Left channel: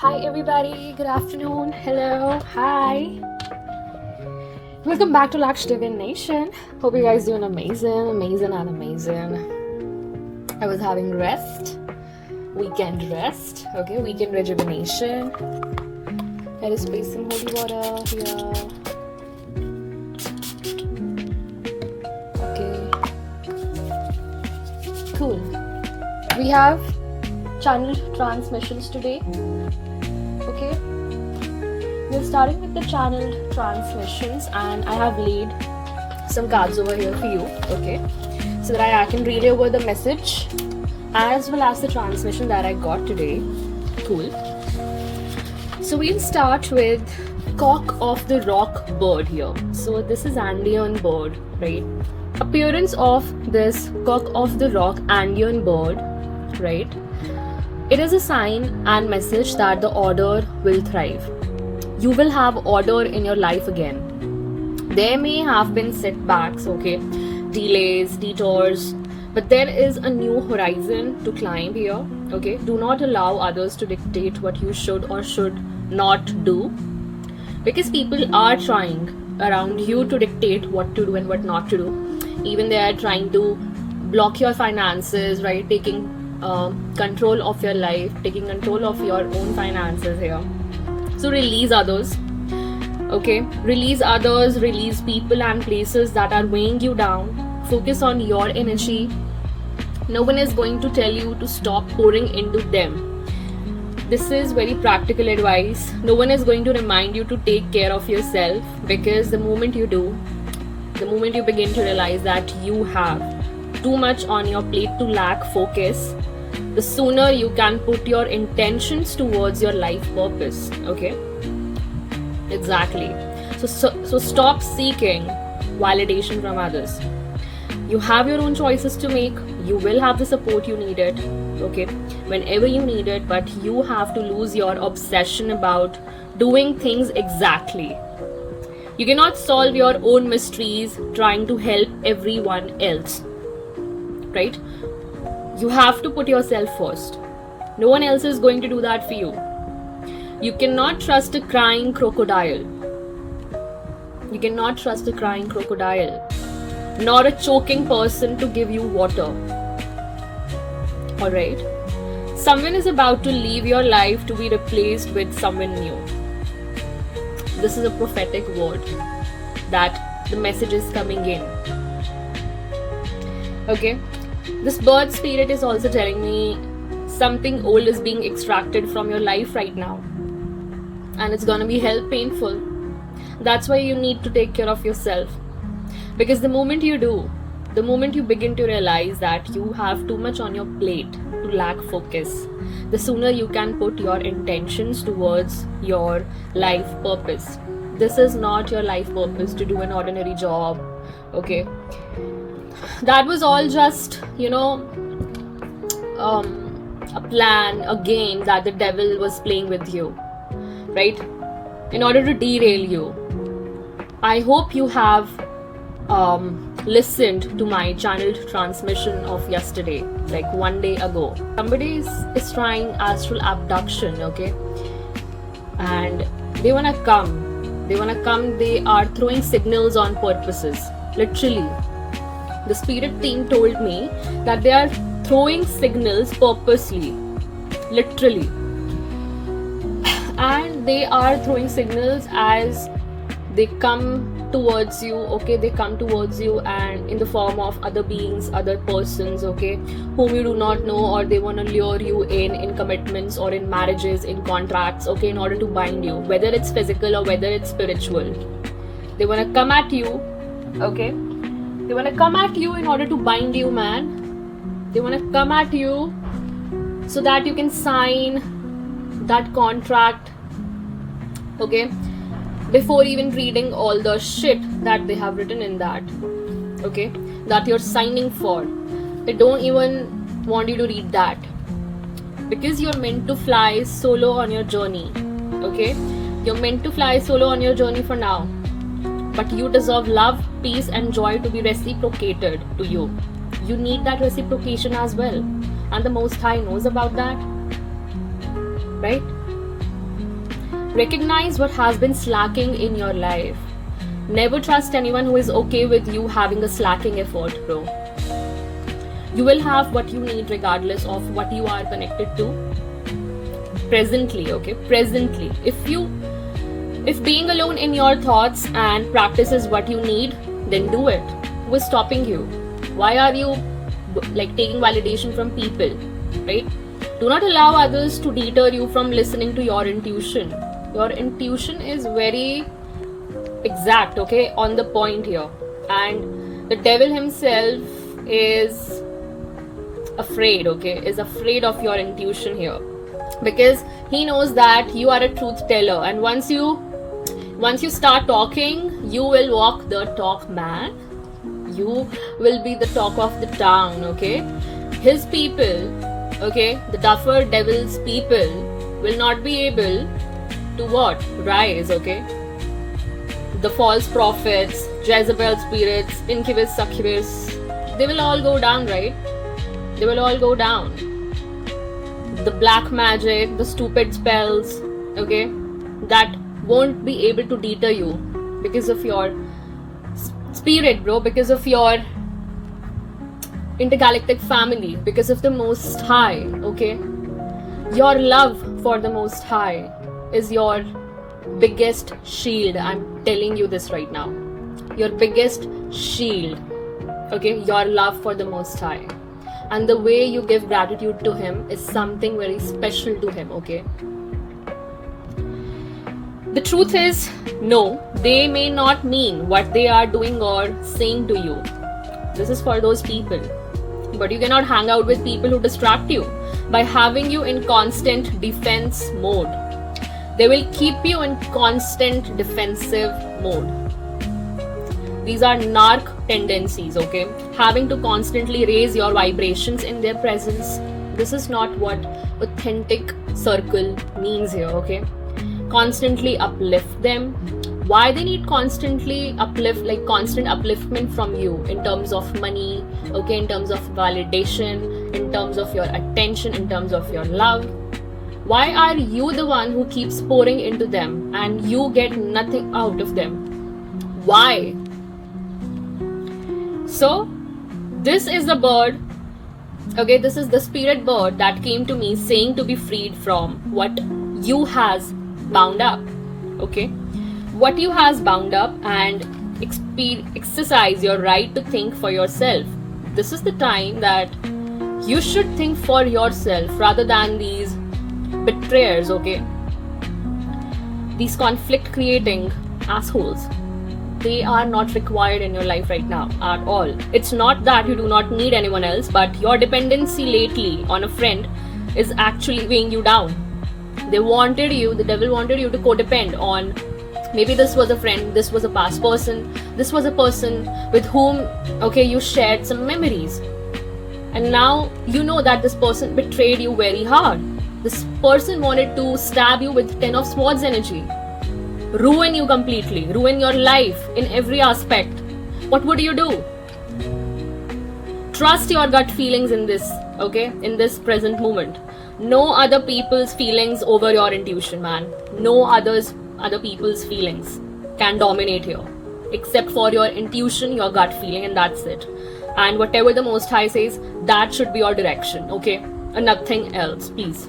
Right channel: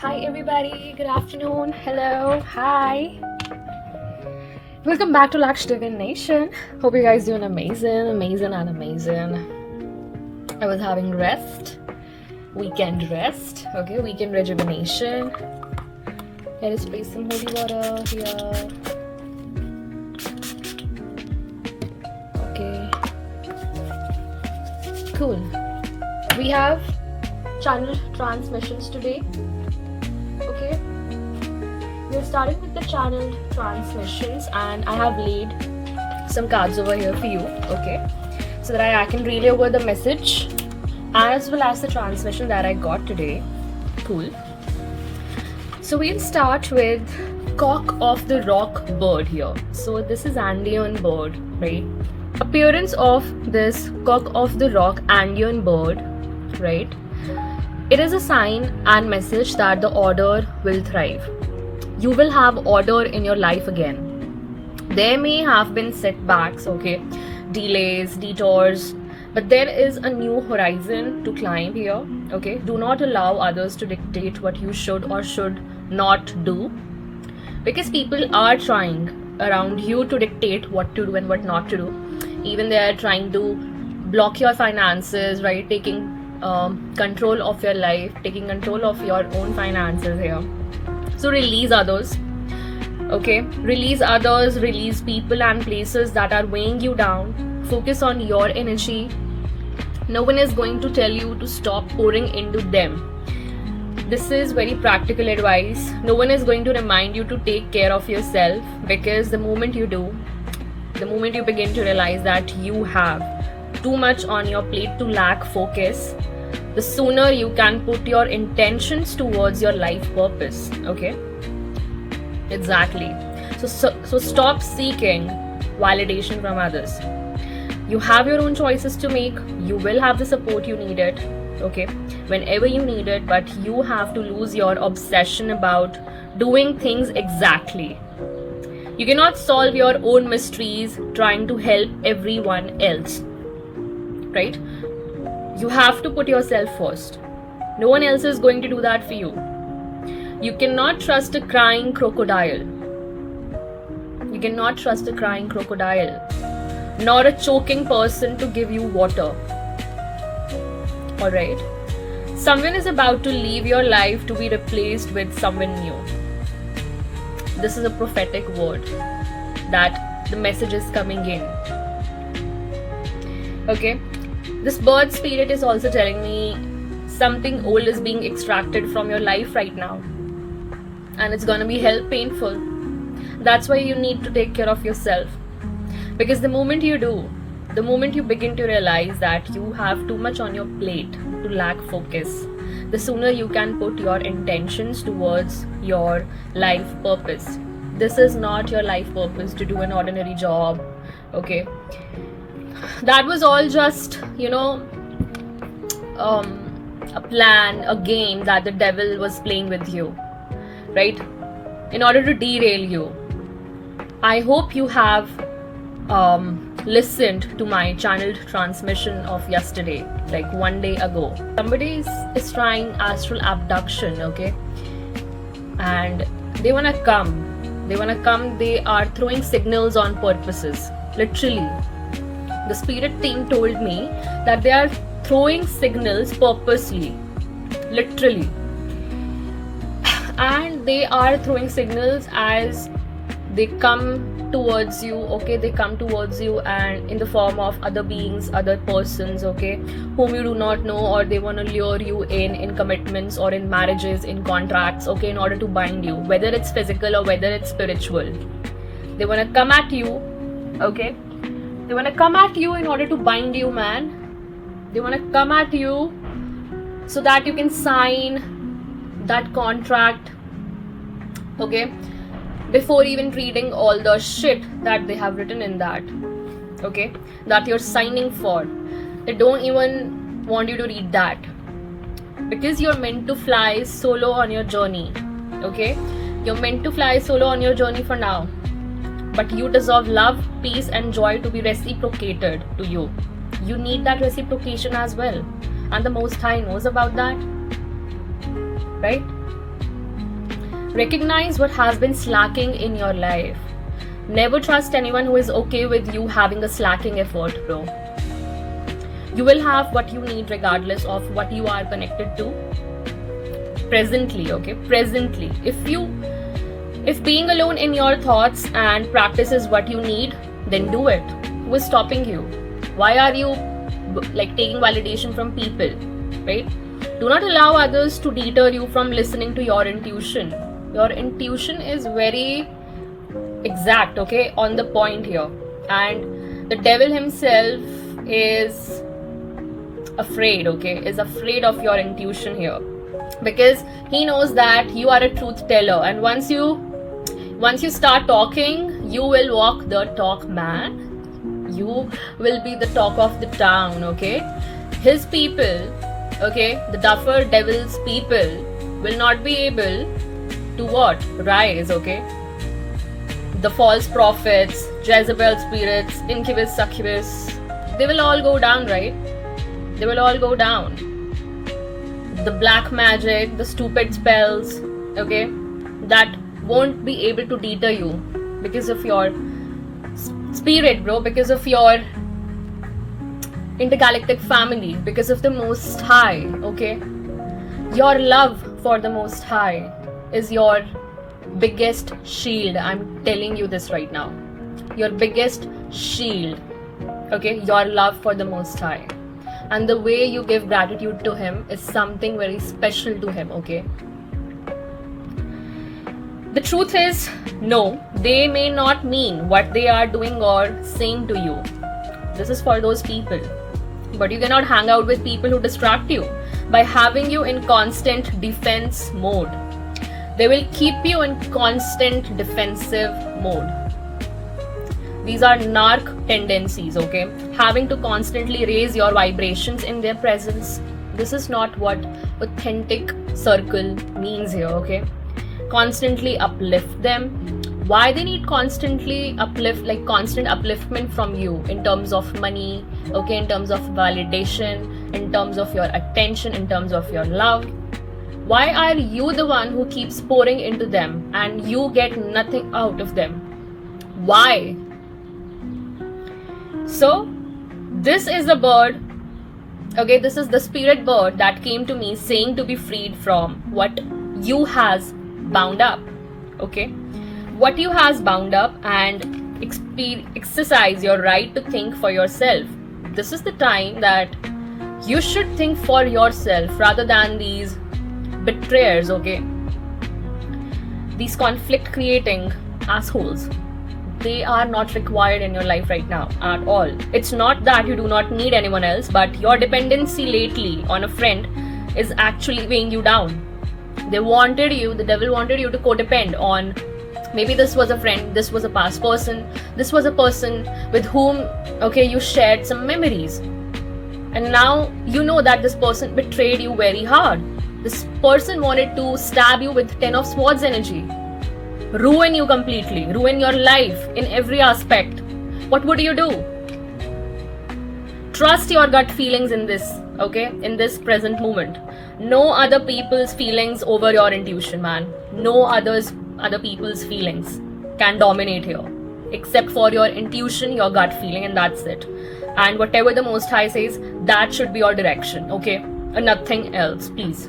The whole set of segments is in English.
Hi everybody, good afternoon, hello, hi. Welcome back to Laksh Divine Nation. Hope you guys doing amazing. I was having weekend rest, okay, weekend rejuvenation. There is space some holy water here. Okay, cool. We have channel transmissions today. Okay, we're starting with the channeled transmissions, and I have laid some cards over here for you, okay, so that I can relay over the message as well as the transmission that I got today. Cool. So we'll start with Cock of the Rock bird here. So this is Andean bird, right? Appearance of this Cock of the Rock Andean bird, right? It is a sign and message that the order will thrive. You will have order in your life again. There may have been setbacks, okay, delays, detours, but there is a new horizon to climb here, okay? Do not allow others to dictate what you should or should not do, because people are trying around you to dictate what to do and what not to do. Even they are trying to block your finances, right? Taking control of your life, taking control of your own finances here. So release others, okay? Release others, release people and places that are weighing you down. Focus on your energy. No one is going to tell you to stop pouring into them. This is very practical advice. No one is going to remind you to take care of yourself, because the moment you do, the moment you begin to realize that you have too much on your plate to lack focus, the sooner you can put your intentions towards your life purpose, okay? Exactly. So stop seeking validation from others. You have your own choices to make. You will have the support you needed, okay, whenever you need it, but you have to lose your obsession about doing things exactly. You cannot solve your own mysteries trying to help everyone else, right? You have to put yourself first. No one else is going to do that for you. You cannot trust a crying crocodile. You cannot trust a crying crocodile, nor a choking person to give you water. Alright? Someone is about to leave your life to be replaced with someone new. This is a prophetic word that the message is coming in. Okay? This bird spirit is also telling me something old is being extracted from your life right now, and it's gonna be hell painful. That's why you need to take care of yourself, because the moment you do, the moment you begin to realize that you have too much on your plate to lack focus, the sooner you can put your intentions towards your life purpose. This is not your life purpose to do an ordinary job, okay? That was all just, a plan, a game that the devil was playing with you, right? In order to derail you. I hope you have listened to my channeled transmission of yesterday, like one day ago. Somebody is trying astral abduction, okay? And they wanna come. They are throwing signals on purposes, literally. The spirit team told me that they are throwing signals purposely, literally. And they are throwing signals as they come towards you, okay? They come towards you and in the form of other beings, other persons, okay, whom you do not know, or they want to lure you in commitments or in marriages, in contracts, okay, in order to bind you, whether it's physical or whether it's spiritual. They want to come at you, okay? They want to come at you in order to bind you, man. They want to come at you so that you can sign that contract, okay, before even reading all the shit that they have written in that, okay, that you're signing for. They don't even want you to read that, because you're meant to fly solo on your journey, okay? You're meant to fly solo on your journey for now. But you deserve love, peace and joy to be reciprocated to you. You need that reciprocation as well. And the Most High knows about that. Right? Recognize what has been slacking in your life. Never trust anyone who is okay with you having a slacking effort, bro. You will have what you need regardless of what you are connected to presently, okay? Presently. If being alone in your thoughts and practice is what you need, then do it. Who is stopping you? Why are you taking validation from people, right? Do not allow others to deter you from listening to your intuition. Your intuition is very exact, okay, on the point here. And the devil himself is afraid, okay, is afraid of your intuition here, because he knows that you are a truth teller, and once you start talking, you will walk the talk, man. You will be the talk of the town, okay? His people, okay, the duffer devil's people will not be able to what? Rise, okay? The false prophets, Jezebel spirits, incubus, succubus, they will all go down, right? They will all go down. The black magic, the stupid spells, okay, that won't be able to deter you because of your spirit, bro, because of your intergalactic family, because of the Most High, okay? Your love for the Most High is your biggest shield. I'm telling you this right now. Your biggest shield, okay? Your love for the Most High. And the way you give gratitude to Him is something very special to Him, okay? The truth is, no, they may not mean what they are doing or saying to you. This is for those people. But you cannot hang out with people who distract you by having you in constant defense mode. They will keep you in constant defensive mode. These are narc tendencies, okay? Having to constantly raise your vibrations in their presence. This is not what authentic circle means here, okay? Constantly uplift them. Why they need constantly constant upliftment from you in terms of money, okay, in terms of validation, in terms of your attention, in terms of your love? Why are you the one who keeps pouring into them and you get nothing out of them? Why? So, this is the bird, okay, this is the spirit bird that came to me saying to be freed from what you has bound up, okay? What you has bound up, and exercise your right to think for yourself. This is the time that you should think for yourself rather than these betrayers, okay? These conflict creating assholes. They are not required in your life right now at all. It's not that you do not need anyone else, but your dependency lately on a friend is actually weighing you down. The devil wanted you to codepend on, maybe this was a friend, this was a past person, this was a person with whom, okay, you shared some memories. And now you know that this person betrayed you very hard. This person wanted to stab you with 10 of swords energy. Ruin you completely, ruin your life in every aspect. What would you do? Trust your gut feelings in this, okay, in this present moment. No other people's feelings over your intuition, man. No other people's feelings can dominate here, except for your intuition, your gut feeling, and that's it. And whatever the Most High says, that should be your direction, okay, and nothing else. Please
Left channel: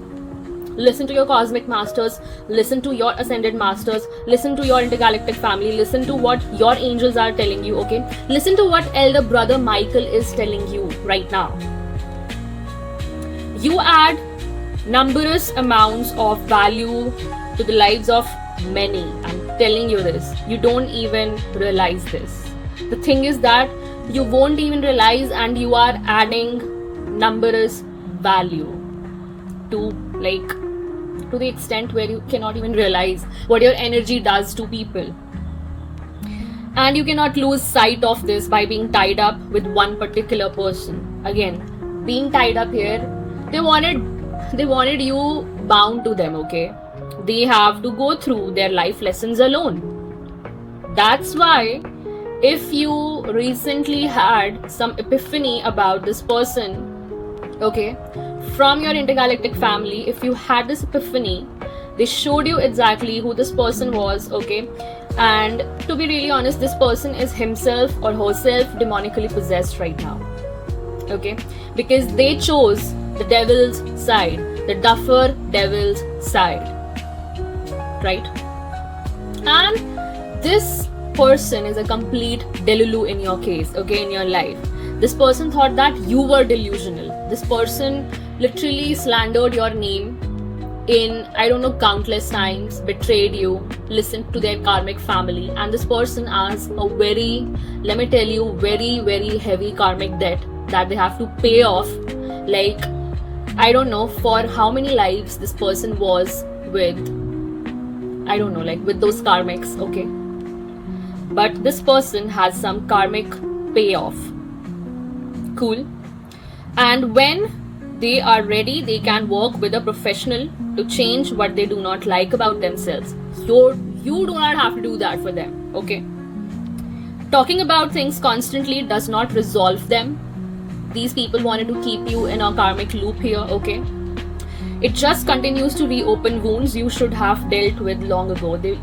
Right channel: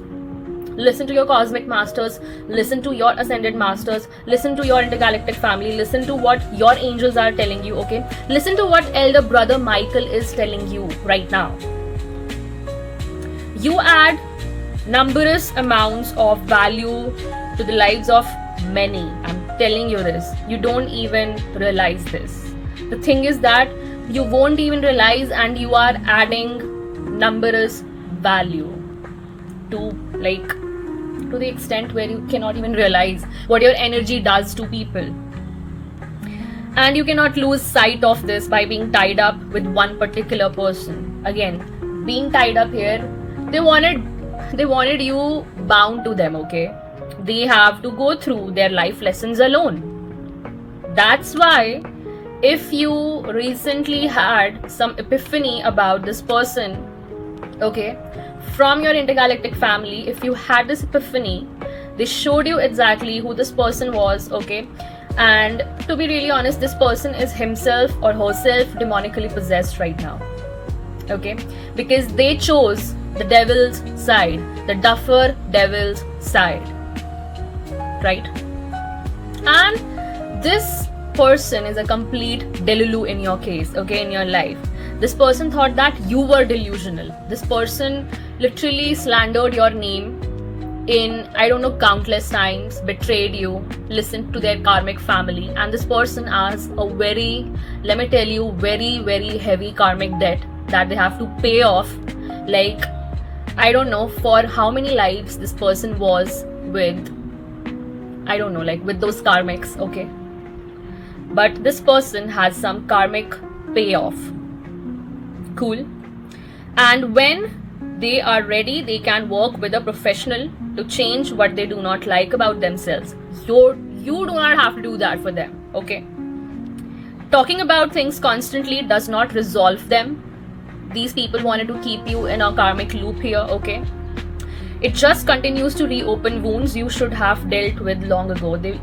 listen to your cosmic masters, listen to your ascended masters, listen to your intergalactic family, listen to what your angels are telling you, okay? Listen to what elder brother Michael is telling you right now. You add numberless amounts of value to the lives of many. I'm telling you this. You don't even realize this. The thing is that you won't even realize, and you are adding numberless value to the extent where you cannot even realize what your energy does to people. And you cannot lose sight of this by being tied up with one particular person. Again, being tied up here, they wanted you bound to them, okay? They have to go through their life lessons alone. That's why if you recently had some epiphany about this person, okay, from your intergalactic family, if you had this epiphany, They showed you exactly who this person was, okay? And to be really honest, this person is himself or herself demonically possessed right now, okay? Because they chose the devil's side, the duffer devil's side, right? And this person is a complete delulu in your case, okay, in your life. This person thought that you were delusional. This person literally slandered your name in, I don't know, countless times, betrayed you, listened to their karmic family, and this person has a very, let me tell you, very, very heavy karmic debt that they have to pay off. Like, I don't know for how many lives this person was with, I don't know, like with those karmics, okay? But this person has some karmic payoff. Cool. And when they are ready, they can work with a professional to change what they do not like about themselves. So you do not have to do that for them, okay? Talking about things constantly does not resolve them. These people wanted to keep you in a karmic loop here, okay? It just continues to reopen wounds you should have dealt with long ago. They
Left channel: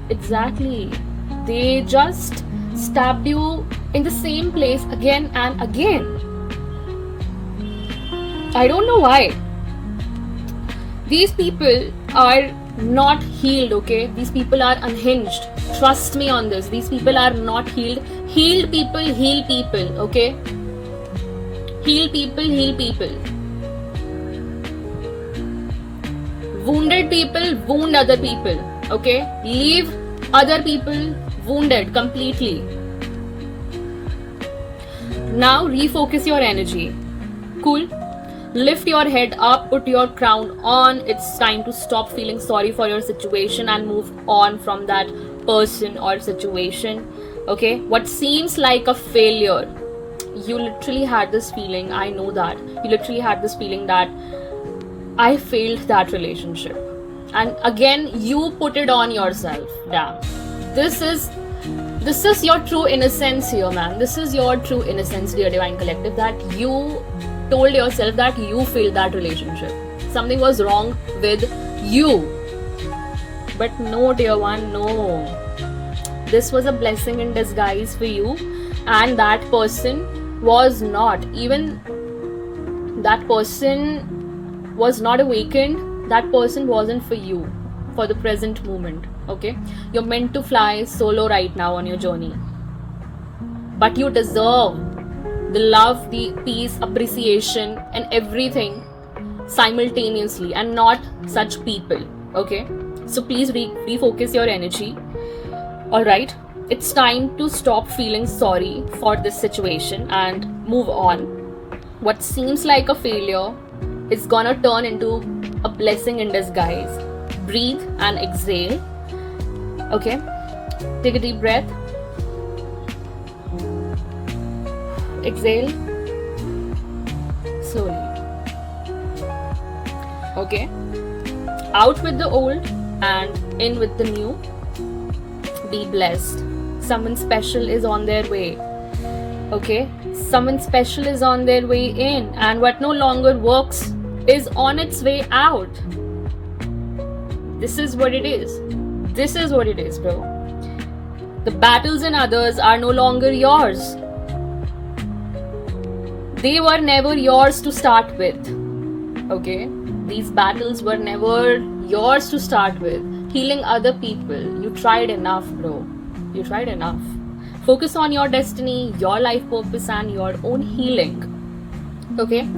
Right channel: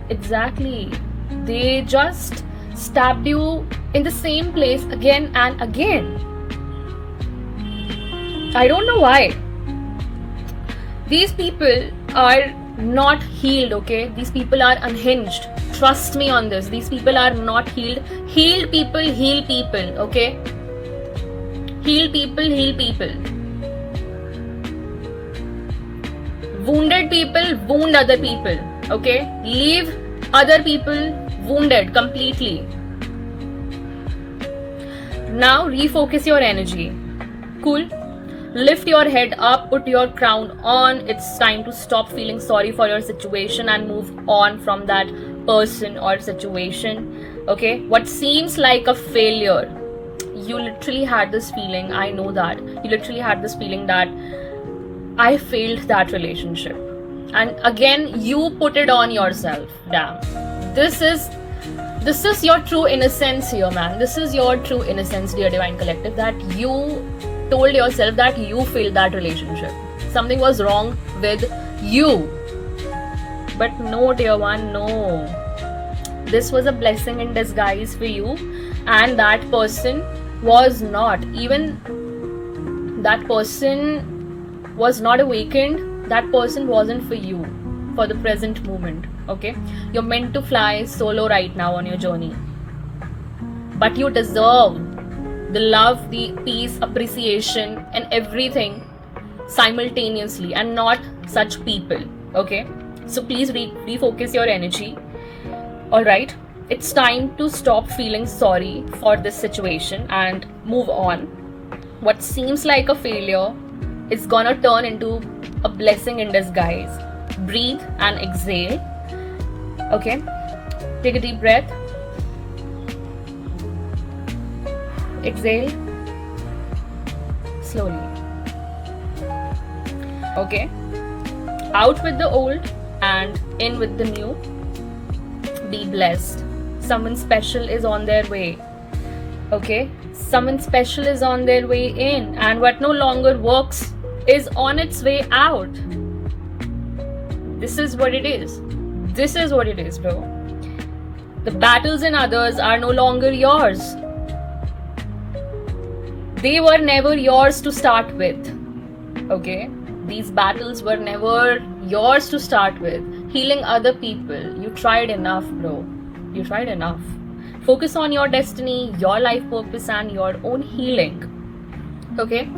just stabbed you in the same place again and again. I don't know why. These people are not healed, okay? These people are unhinged. Trust me on this. These people are not healed. Healed people heal people, okay? Heal people heal people. Wounded people wound other people, okay? Leave other people wounded completely. Now refocus your energy. Cool? Lift your head up, put your crown on. It's time to stop feeling sorry for your situation and move on from that person or situation, okay? What seems like a failure, you literally had this feeling, I know that. You literally had this feeling that I failed that relationship. And again, you put it on yourself. Damn. This is your true innocence here, man. This is your true innocence, dear Divine Collective, that you told yourself that you failed that relationship. Something was wrong with you. But no, dear one, no. This was a blessing in disguise for you, and that person was not. Even that person was not awakened. That person wasn't for you for the present moment, okay? You're meant to fly solo right now on your journey. But you deserve the love, the peace, appreciation, and everything simultaneously, and not such people, okay? So please refocus your energy. Alright, it's time to stop feeling sorry for this situation and move on. What seems like a failure is gonna turn into a blessing in disguise. Breathe and exhale. Okay, take a deep breath. Exhale slowly. Okay, out with the old and in with the new. Be blessed. Someone special is on their way. Okay, someone special is on their way in, and what no longer works is on its way out. This is what it is. This is what it is, bro. The battles in others are no longer yours. They were never yours to start with. Okay? These battles were never yours to start with. Healing other people. You tried enough, bro. You tried enough. Focus on your destiny, your life purpose, and your own healing. Okay?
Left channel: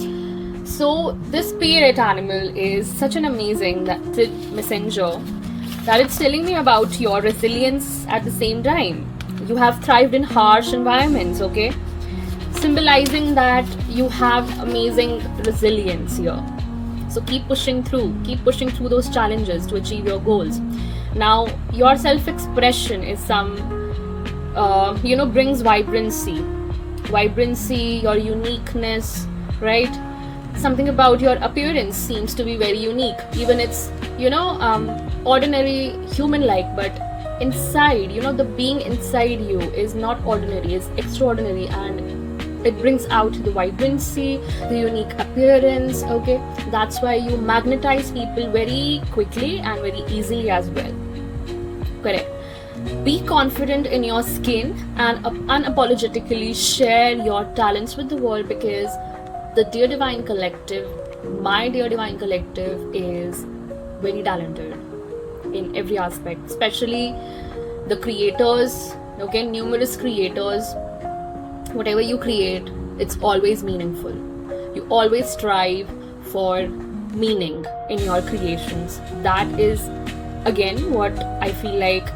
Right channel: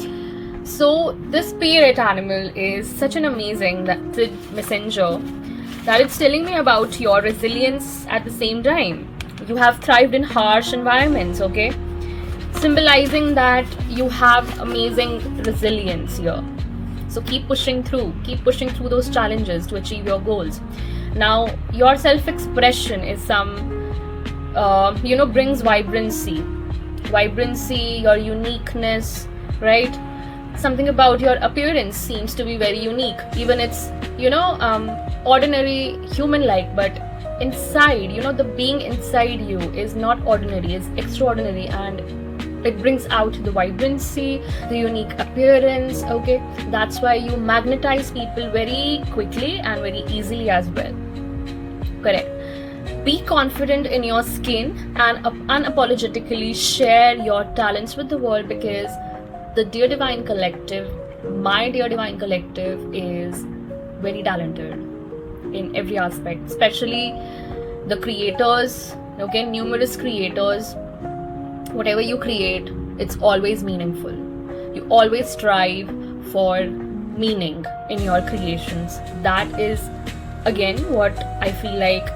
So, this spirit animal is such an amazing messenger that it's telling me about your resilience at the same time. You have thrived in harsh environments, okay? Symbolizing that you have amazing resilience here. So keep pushing through those challenges to achieve your goals. Now, your self-expression is brings vibrancy, your uniqueness, right? Something about your appearance seems to be very unique. Even it's, ordinary human-like, but inside, the being inside you is not ordinary, is extraordinary, and it brings out the vibrancy, the unique appearance. Okay, that's why you magnetize people very quickly and very easily as well. Correct. Be confident in your skin and unapologetically share your talents with the world, because the Dear Divine Collective, my Dear Divine Collective, is very talented in every aspect, especially the creators. Okay, numerous creators. Whatever you create, it's always meaningful. You always strive for meaning in your creations. That is again what I feel like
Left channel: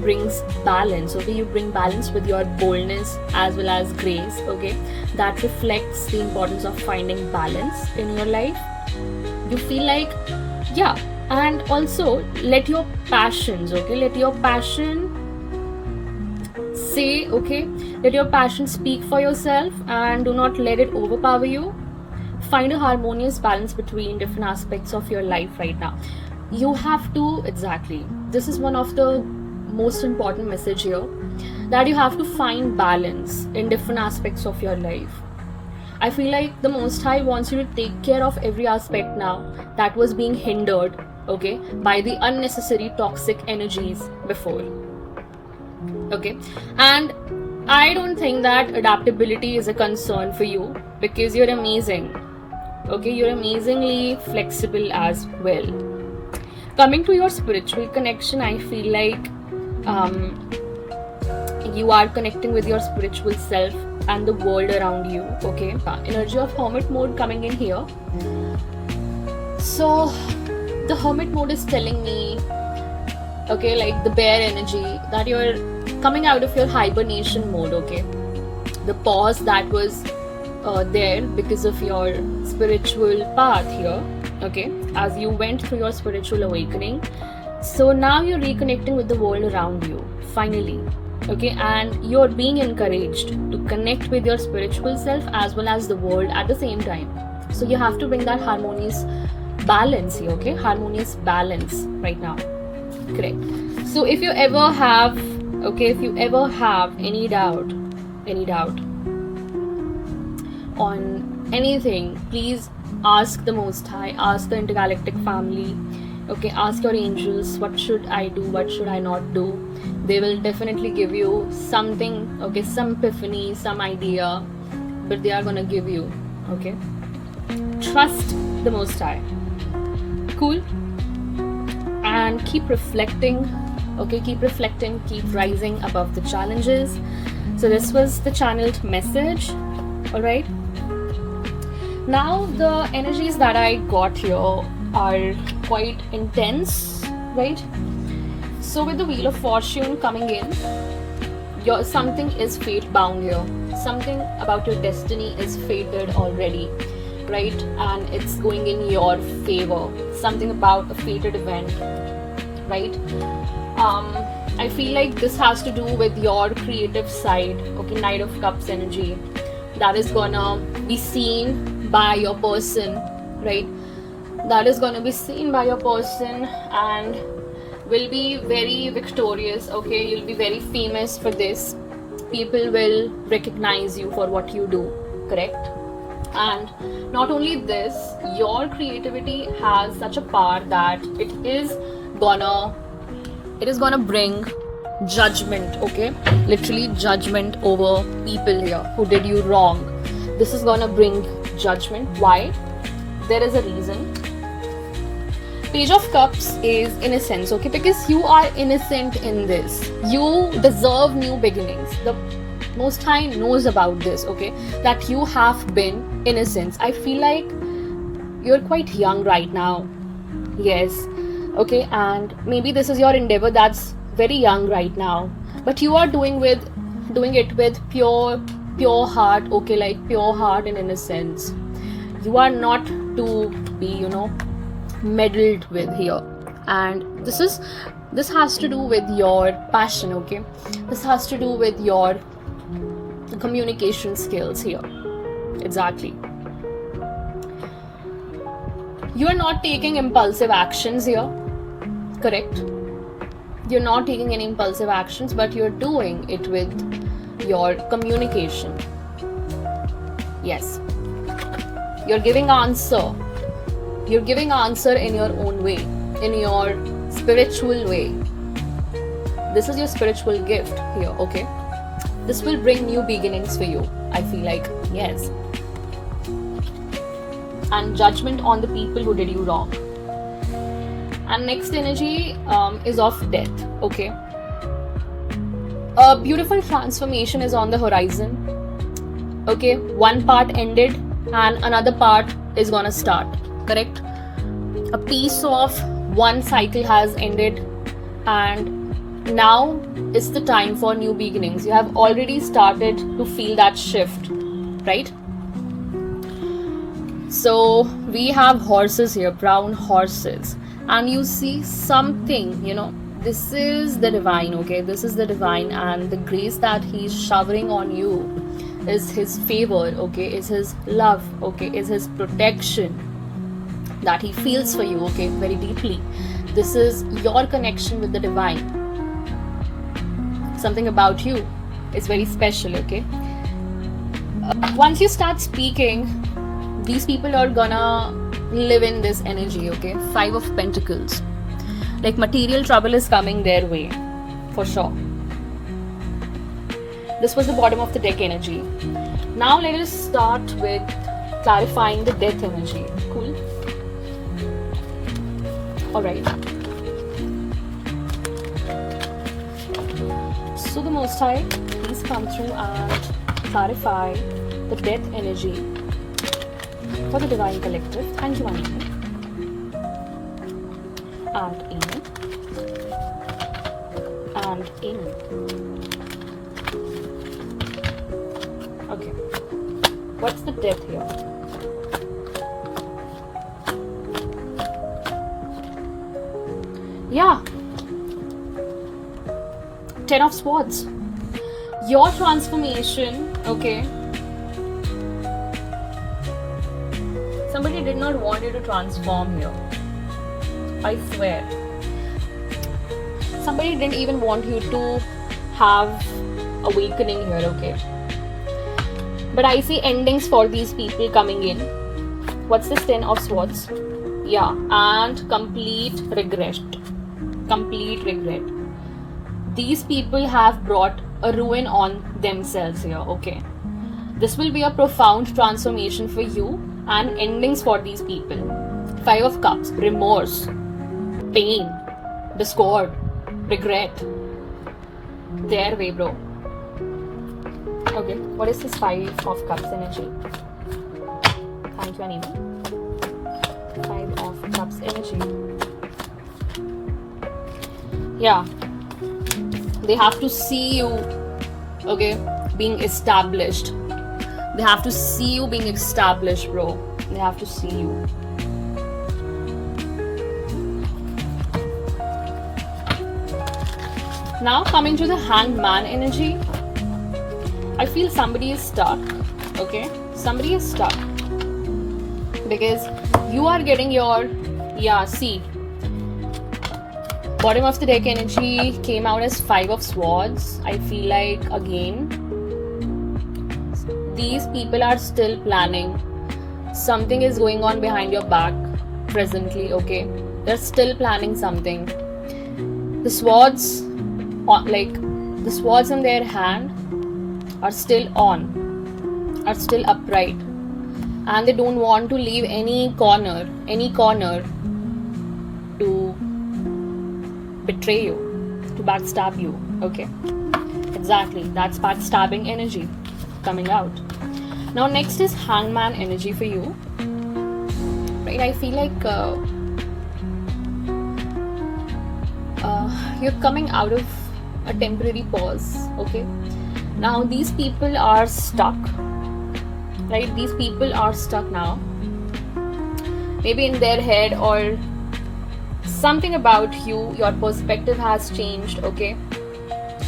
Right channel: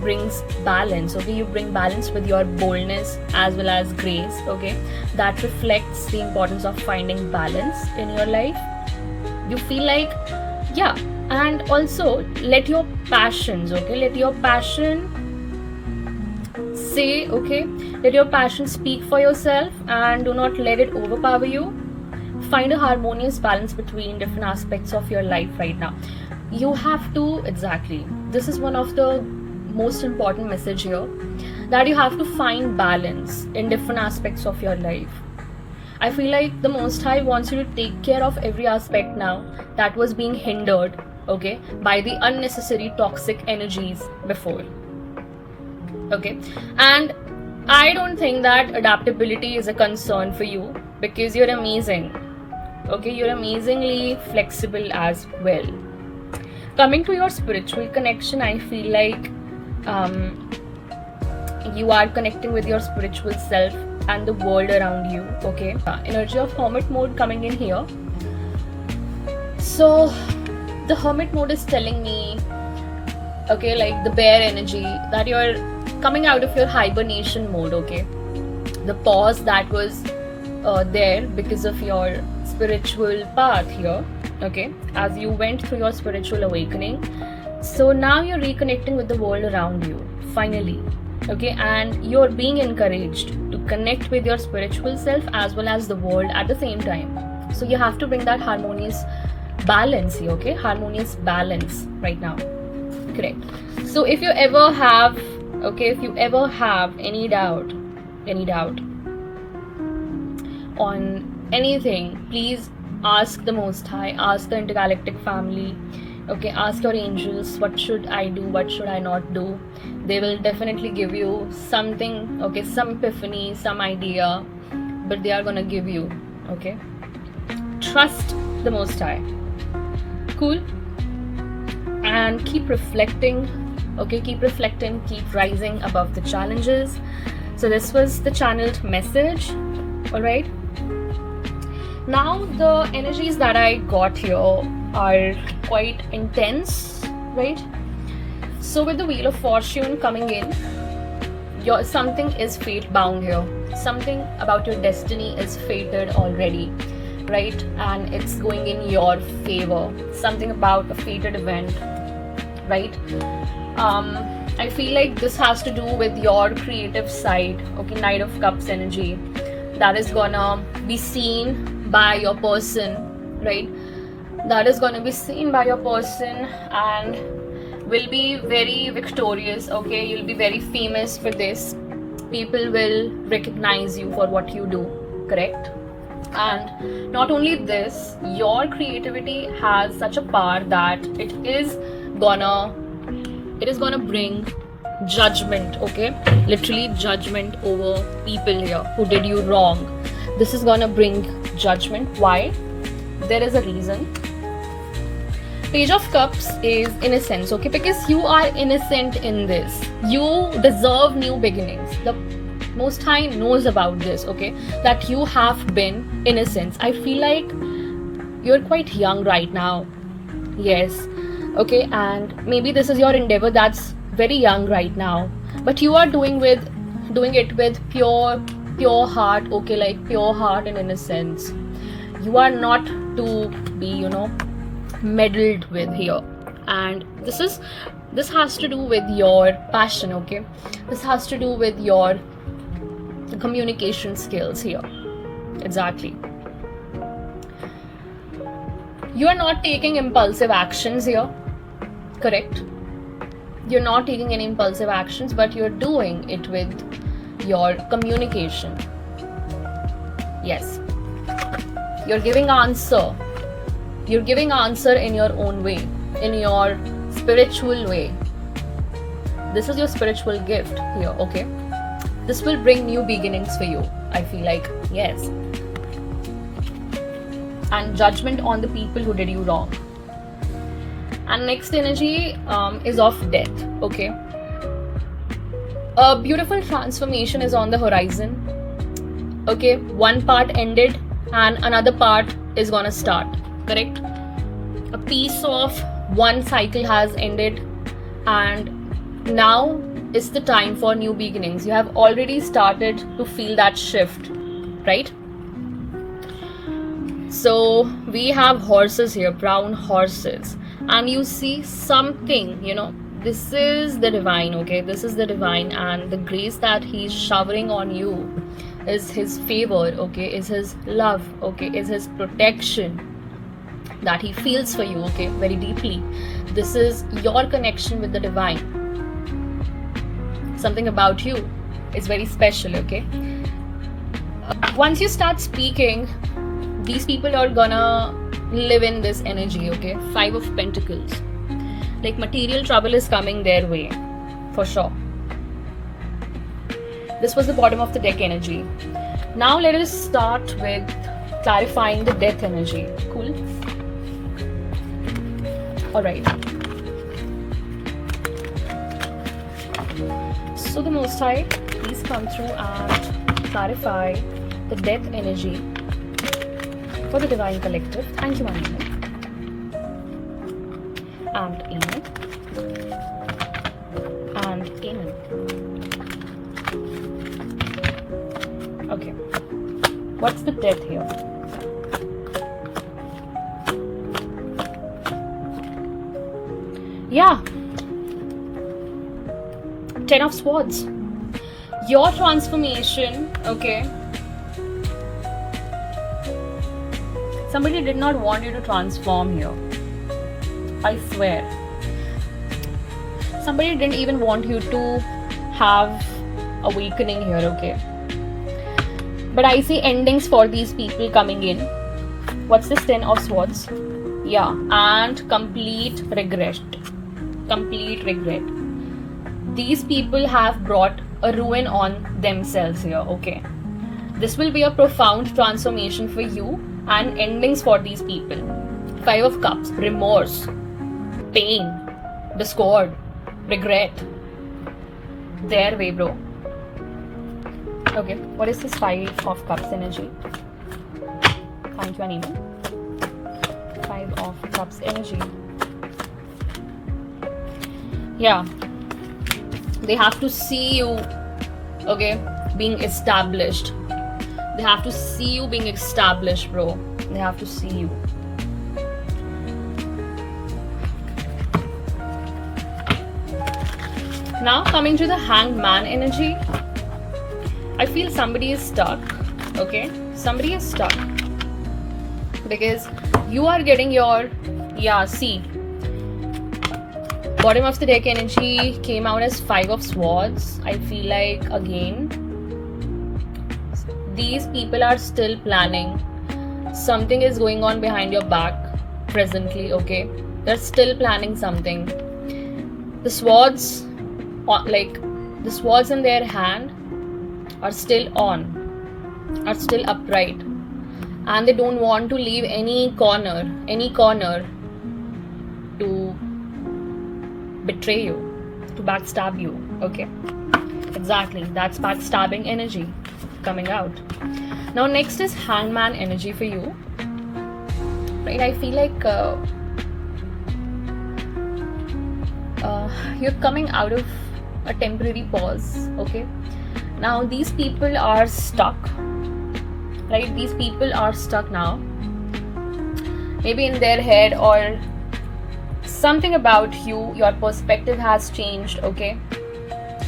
brings balance. Okay, you bring balance with your boldness as well as grace. Okay, that reflects the importance of finding balance in your life. You feel like, yeah, and also let your passions, okay, let your passion say, okay, let your passion speak for yourself and do not let it overpower you. Find a harmonious balance between different aspects of your life right now. You have to, exactly, this is one of the most important message here, that you have to find balance in different aspects of your life. I feel like the Most High wants you to take care of every aspect now that was being hindered, okay, by the unnecessary toxic energies before. Okay, and I don't think that adaptability is a concern for you, because you're amazing. Okay, you're amazingly flexible as well. Coming to your spiritual connection, I feel like you are connecting with your spiritual self and the world around you. Okay, energy of hermit mode coming in here. So the hermit mode is telling me, okay, like the bear energy, that you're coming out of your hibernation mode. Okay, the pause that was there because of your spiritual path here. Okay, as you went through your spiritual awakening, so now you're reconnecting with the world around you finally. Okay, and you're being encouraged to connect with your spiritual self as well as the world at the same time. So you have to bring that harmonious balance here. Okay, harmonious balance right now. Correct. So if you ever have, okay, if you ever have any doubt on anything, please ask the Most High, ask the intergalactic family. Okay, ask your angels, what should I do, what should I not do. They will definitely give you something, okay, some epiphany, some idea, but they are gonna give you. Okay, trust the Most High. Cool. And keep reflecting. Okay, keep reflecting, keep rising above the challenges. So this was the channeled message. All right, now the energies that I got here are quite intense, right? So with the Wheel of Fortune coming in, something is fate bound here. Something about your destiny is fated already, right? And it's going in your favor. Something about a fated event, right? I feel like this has to do with your creative side. Okay, Knight of Cups energy, that is gonna be seen by your person, right? That is gonna be seen by your person and will be very victorious. Okay, you'll be very famous for this. People will recognize you for what you do. Correct. And not only this, your creativity has such a power that it is gonna bring judgment. Okay, literally judgment over people here who did you wrong. This is gonna bring judgment. Why? There is a reason. Page of Cups is innocence. Okay, because you are innocent in this, you deserve new beginnings. The Most High knows about this. Okay, that you have been innocent. I feel like you're quite young right now. Yes. Okay, and maybe this is your endeavor that's very young right now, but you are doing it with pure heart. Okay, like pure heart and innocence. You are not to be, meddled with here. And this has to do with your passion. Okay, this has to do with your communication skills here. Exactly. You are not taking impulsive actions here. Correct. You're not taking any impulsive actions, but you're doing it with your communication. Yes. You're giving answer. You're giving answer in your own way, in your spiritual way. This is your spiritual gift here, okay? This will bring new beginnings for you. I feel like, yes. And judgment on the people who did you wrong. And next energy is of death, okay? A beautiful transformation is on the horizon. Okay, one part ended and another part is gonna start, correct? A piece of one cycle has ended and now is the time for new beginnings. You have already started to feel that shift, right? So we have horses here, brown horses, and you see something, this is the divine, okay? This is the divine, and the grace that he's showering on you is his favor, okay? Is his love, okay? Is his protection that he feels for you, okay? Very deeply. This is your connection with the divine. Something about you is very special, okay? Once you start speaking, these people are gonna live in this energy, okay? 5 of Pentacles. Like material trouble is coming their way, for sure. This was the bottom of the deck energy. Now let us start with clarifying the death energy. Cool? Alright. So the Most High, please come through and clarify the death energy for the Divine Collective. Thank you, Annie. And Amen. And Amen. Okay. What's the death here? Yeah. 10 of Swords. Your transformation, okay. Somebody did not want you to transform here. I swear. Somebody didn't even want you to have awakening here, okay. But I see endings for these people coming in. What's this 10 of Swords? Yeah, and complete regret. Complete regret. These people have brought a ruin on themselves here, okay. This will be a profound transformation for you and endings for these people. 5 of Cups, remorse, pain, discord, regret. Their way, bro. Okay, what is this 5 of Cups energy? Thank you, Anima. 5 of Cups energy. Yeah. They have to see you, okay, being established. They have to see you being established, bro. They have to see you. Now coming to the Hanged Man energy. I feel somebody is stuck, okay? Somebody is stuck. Because you are getting your, see. Bottom of the deck energy came out as 5 of Swords. I feel like, again, these people are still planning. Something is going on behind your back presently, okay? They're still planning something. The swords, the swords in their hand are still on, are still upright. And they don't want to leave any corner to betray you, to backstab you, okay? Exactly, that's backstabbing energy coming out. Now next is Hangman energy for you, right? I feel like you're coming out of a temporary pause, okay? Now these people are stuck, right? These people are stuck now, maybe in their head, or something about you, your perspective has changed, okay?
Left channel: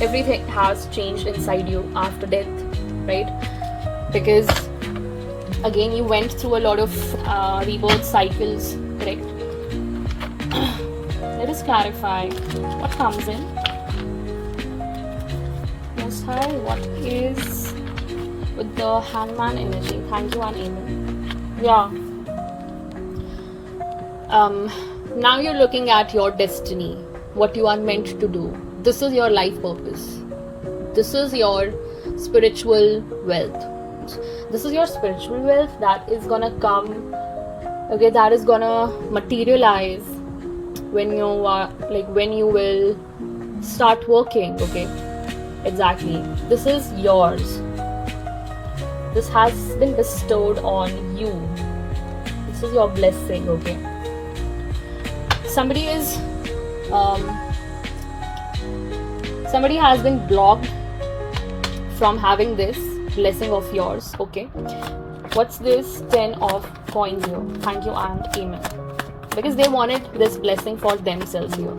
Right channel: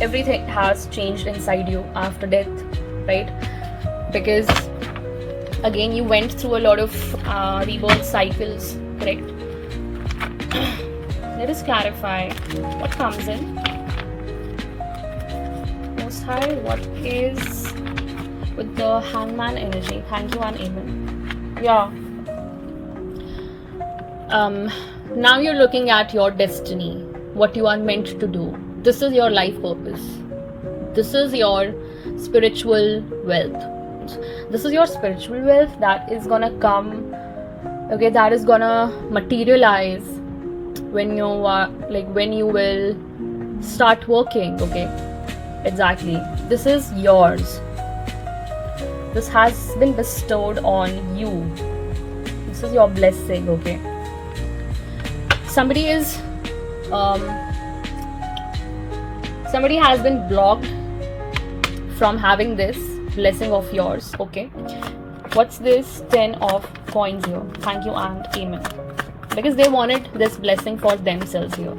Everything has changed inside you after death, right? Because again, you went through a lot of rebirth cycles, correct? Let us clarify what comes in. Most High, what is with the Hangman energy. Thank you and amen. Yeah. Now you're looking at your destiny, what you are meant to do. This is your life purpose. This is your spiritual wealth. This is your spiritual wealth that is gonna come, okay, that is gonna materialize when you are when you will start working, okay? Exactly. This is yours. This has been bestowed on you. This is your blessing, okay? Somebody has been blocked from having this blessing of yours, okay? What's this 10 of coins here? Thank you and amen. Because they wanted this blessing for themselves here.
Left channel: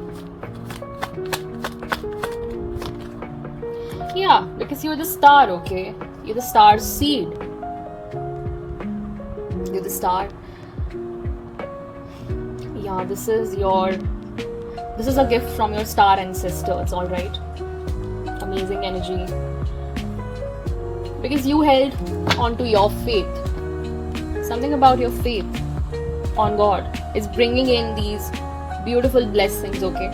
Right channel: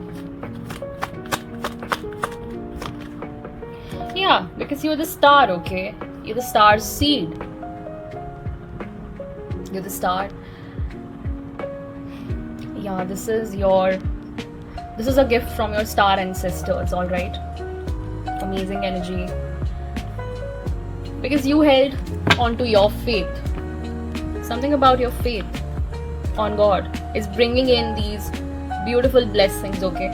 Yeah, because you're the star, okay? You're the star seed. You're the star. Yeah, this is a gift from your star ancestors, alright? Amazing energy. Because you held on to your faith. Something about your faith on God is bringing in these beautiful blessings, okay?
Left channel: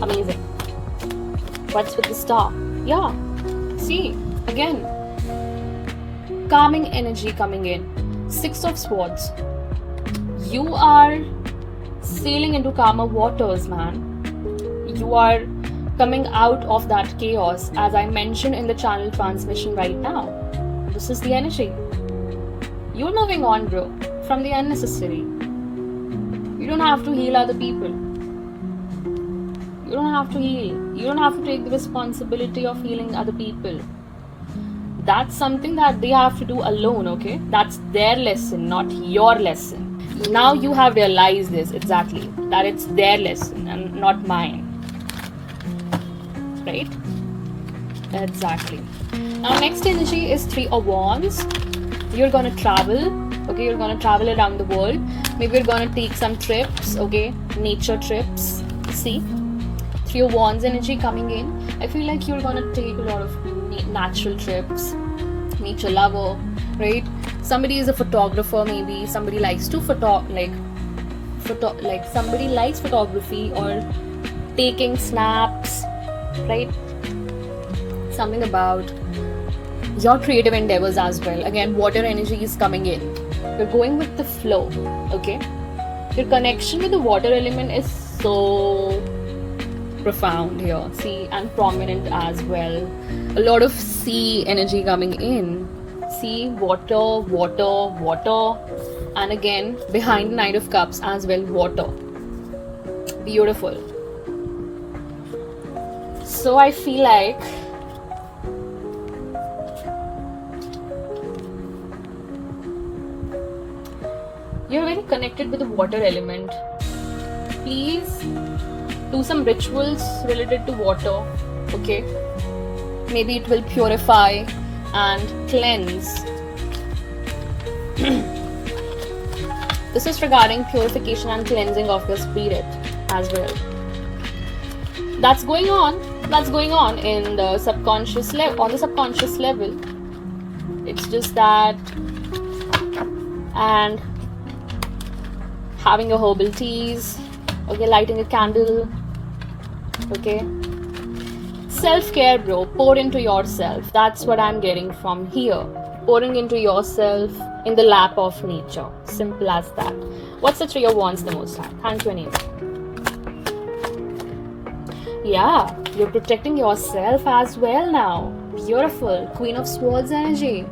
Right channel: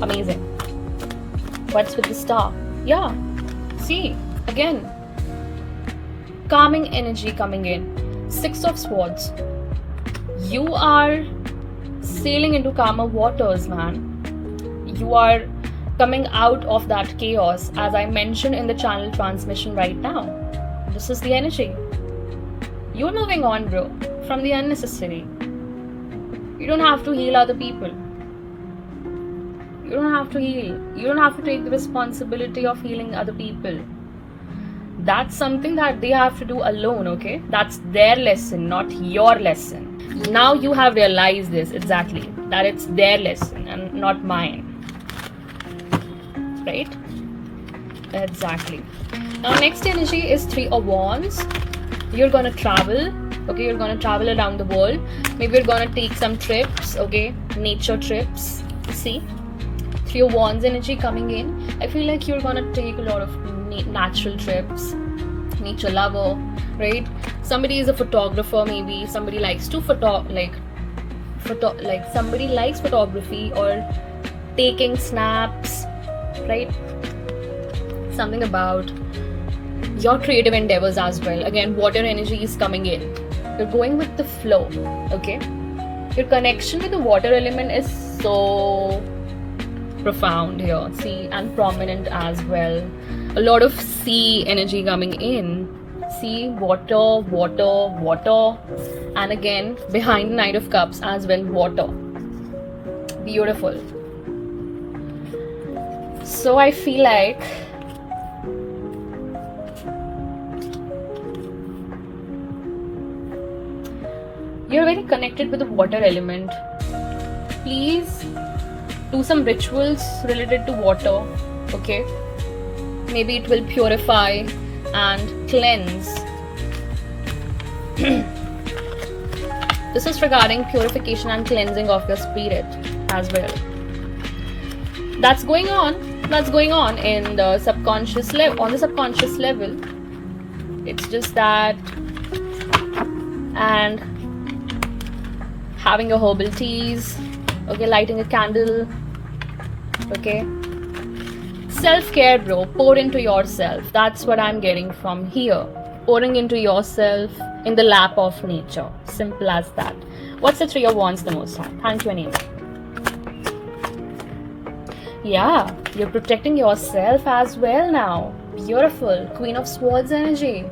Amazing. What's with the star? Yeah, see, again, calming energy coming in. 6 of Swords. You are sailing into calmer waters, man. You are coming out of that chaos, as I mentioned in the channel transmission right now. This is the energy. You're moving on, bro, from the unnecessary. You don't have to heal other people. You don't have to heal. You don't have to take the responsibility of healing other people. That's something that they have to do alone, okay? That's their lesson, not your lesson. Now you have realized this, exactly, that it's their lesson and not mine. Right? Exactly. Now next energy is 3 of Wands. You're gonna travel, okay? You're gonna travel around the world. Maybe you're gonna take some trips, okay? Nature trips. See? 3 of Wands energy coming in. I feel like you're gonna take a lot of natural trips. Nature lover, right? Somebody is a photographer, maybe somebody likes to somebody likes photography or taking snaps, right? Something about your creative endeavors as well. Again, water energy is coming in. You're going with the flow, okay? Your connection with the water element is so profound here, see, and prominent as well. A lot of sea energy coming in. Sea, water, water, water, and again behind the Knight of Cups as well, water. Beautiful. So I feel like you're very connected with the water element. Please do some rituals related to water, okay? Maybe it will purify and cleanse. This is regarding purification and cleansing of your spirit as well. That's going on in the subconscious level. On the subconscious level, it's just that, and having a herbal teas, okay, lighting a candle, okay. Self-care, bro. Pour into yourself. That's what I'm getting from here. Pouring into yourself in the lap of nature. Simple as that. What's the 3 of Wands the most time? Thank you, Anita. Yeah, you're protecting yourself as well now. Beautiful. Queen of Swords energy.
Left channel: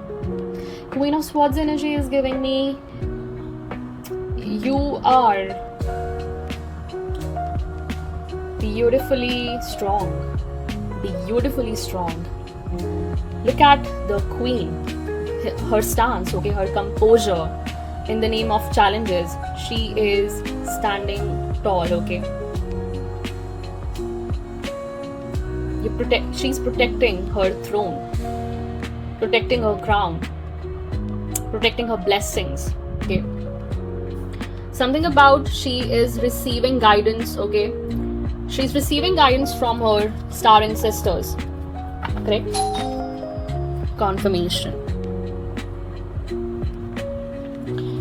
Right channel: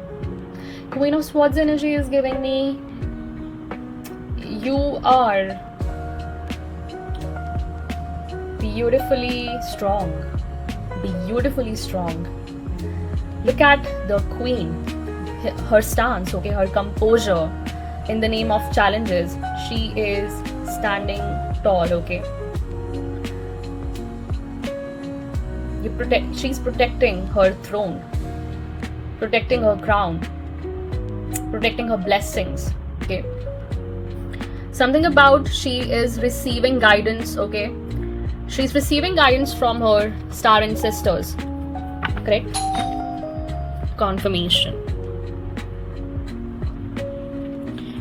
Queen of Swords energy is giving me, you are beautifully strong. Beautifully strong. Look at the Queen, her stance, okay, her composure. In the name of challenges, she is standing tall, okay. She's protecting her throne, protecting her crown, protecting her blessings, okay. Something about she is receiving guidance, okay. She's receiving guidance from her star ancestors, correct? confirmation.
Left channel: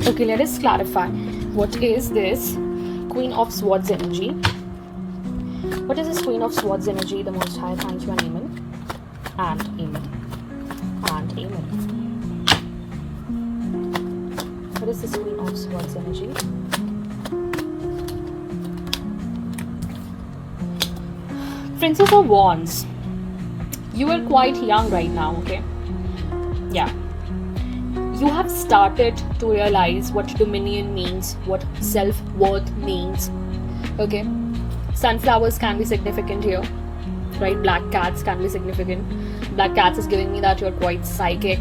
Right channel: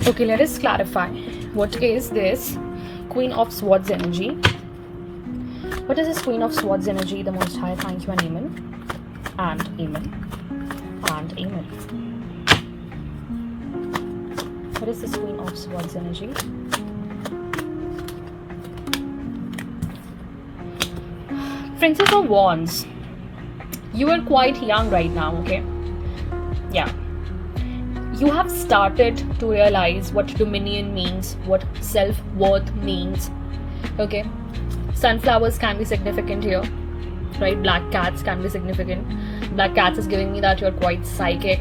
Okay, let us clarify. What is this Queen of Swords energy? What is this Queen of Swords energy? The Most High, thank you and amen. And amen. And amen. What is this Queen of Swords energy? Princess of Wands. You are quite young right now, okay? Yeah. You have started to realize what dominion means, what self-worth means, okay? Sunflowers can be significant here, right? Black cats can be significant. Black cats is giving me that you're quite psychic.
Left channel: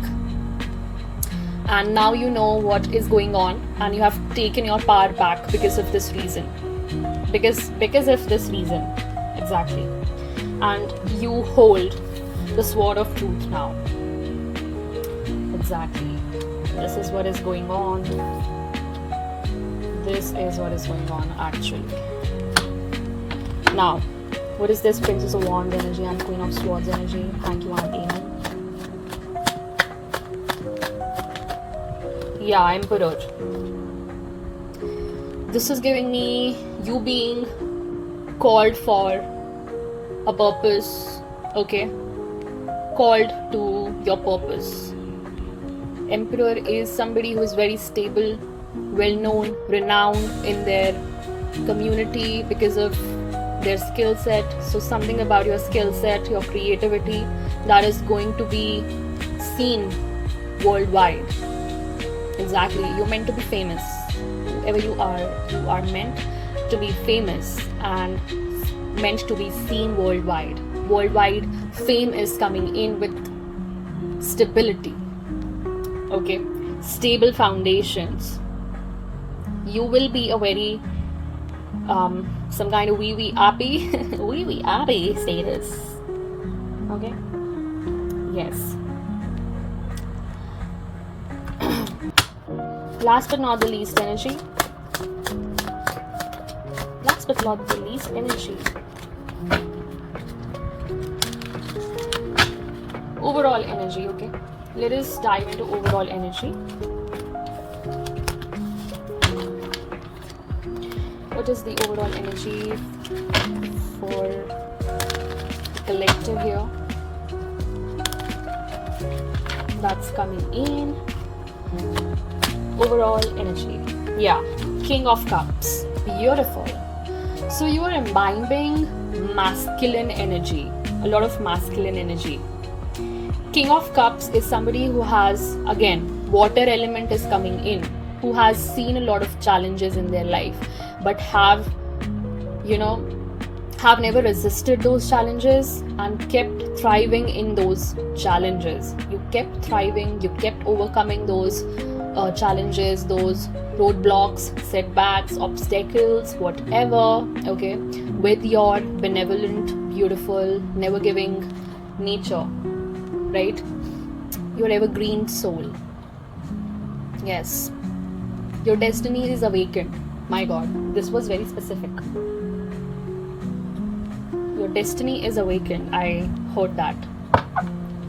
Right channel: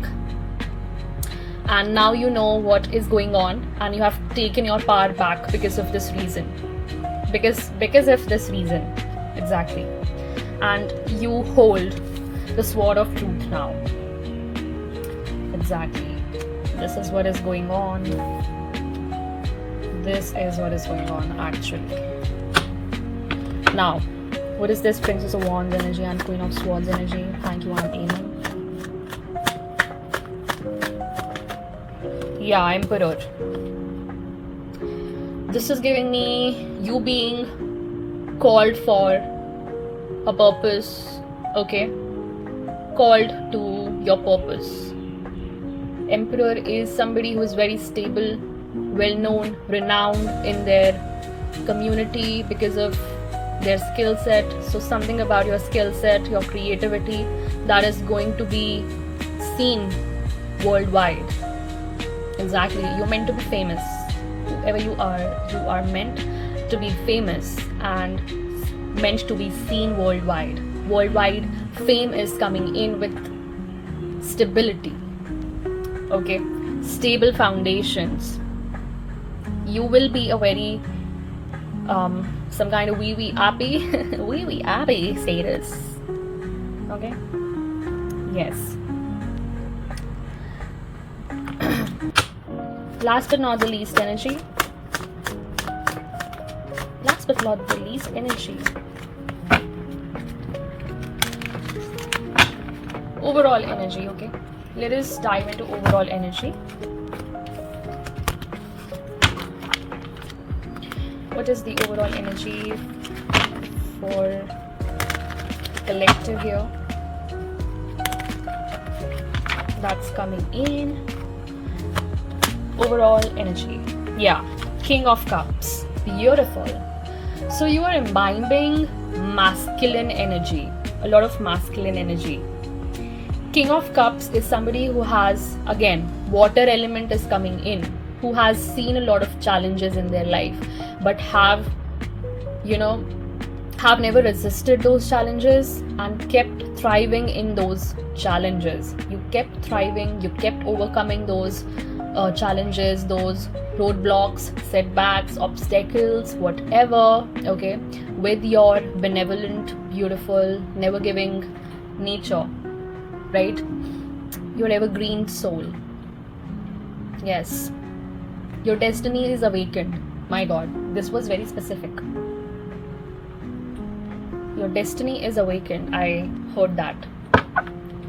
And now you know what is going on and you have taken your power back because of this reason. Because of this reason, exactly. And you hold the sword of truth now. Exactly. This is what is going on. This is what is going on actually. Now, what is this Princess of Wands energy and Queen of Swords energy? Thank you and amen. Yeah, Emperor. This is giving me you being called for a purpose, okay? Called to your purpose. Emperor is somebody who is very stable, well known, renowned in their community because of their skill set. So something about your skill set, your creativity, that is going to be seen worldwide. Exactly. You're meant to be famous. Whoever you are meant to be famous and meant to be seen worldwide. Worldwide fame is coming in with stability. Okay, stable foundations. You will be a very some kind of wee happy wee happy status. Okay, yes. Last but not the least energy. Last but not the least energy. Overall energy, okay? Let us dive into overall energy. What is the overall energy for the collective here? That's coming in. Overall energy. Yeah. King of Cups. Beautiful. So you are imbibing masculine energy. A lot of masculine energy. King of Cups is somebody who has, again, water element is coming in, who has seen a lot of challenges in their life, but have never resisted those challenges and kept thriving in those challenges. You kept thriving, you kept overcoming those challenges, those roadblocks, setbacks, obstacles, whatever, okay, with your benevolent, beautiful, never giving nature. Right? Your evergreen soul. Yes. Your destiny is awakened. My God, this was very specific. Your destiny is awakened. I heard that.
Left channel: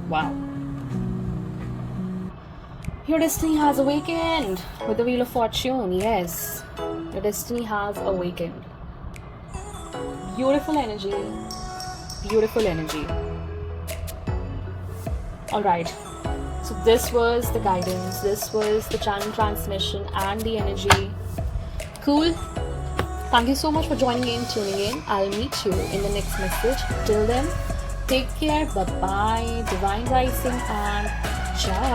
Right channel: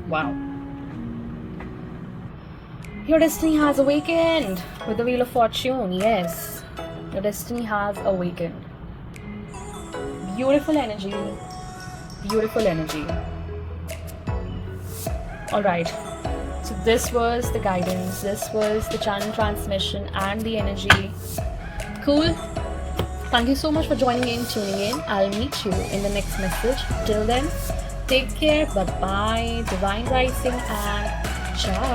Wow. Your destiny has awakened with the Wheel of Fortune. Yes. Your destiny has awakened. Beautiful energy. Beautiful energy. Alright, so this was the guidance, this was the channel transmission and the energy. Cool. Thank you so much for joining in, tuning in. I'll meet you in the next message. Till then, take care, bye-bye, divine rising and ciao.